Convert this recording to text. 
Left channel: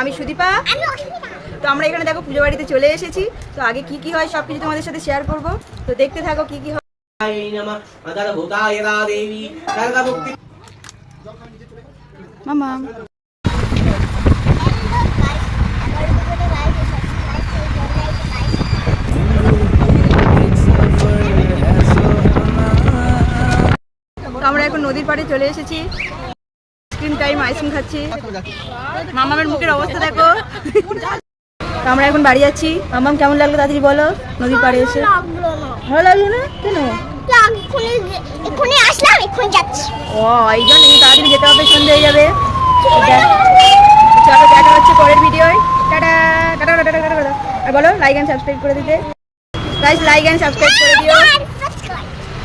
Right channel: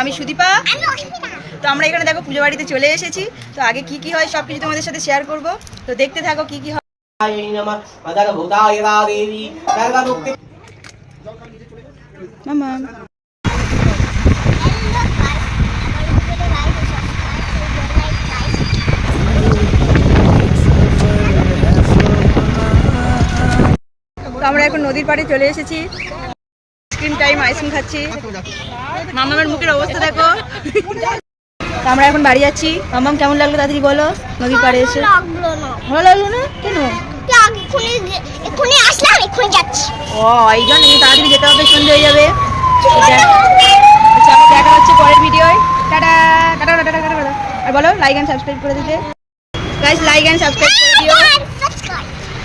আমি সুদীপা। তো আমরা এখানে দেখো পুজো বাড়িতে চলে এসেছি। তো আগে কি কি হয় সব কিছু তোমাদের সাথে শেয়ার করব। তো দেখতে থাকো কি কি হয়। মামা তো আমরা এখন নদীর পাড়ে চলে এসেছি। আইসক্রিম টাইম, আইসক্রিম খাচ্ছি। মামার মুখের অবস্থা দেখো। তো আমরা এখন বাড়ি যাচ্ছি। মামাম কেমন লাগলো তাড়াতাড়ি বলো নদীর পাড়ে এসে? ভালো লাগলো না কেন? ও এই জন্য তাড়াতাড়ি যেতে হবে, সন্ধ্যে হয়ে যাবে। চলো দেখা হচ্ছে পরের ভিডিওয়। Tata tata tata tata. আর বলো লাইক এন্ড সাবস্ক্রাইব করে দিতে। গাইস লাইক এন্ড সাবস্ক্রাইব করে দিও।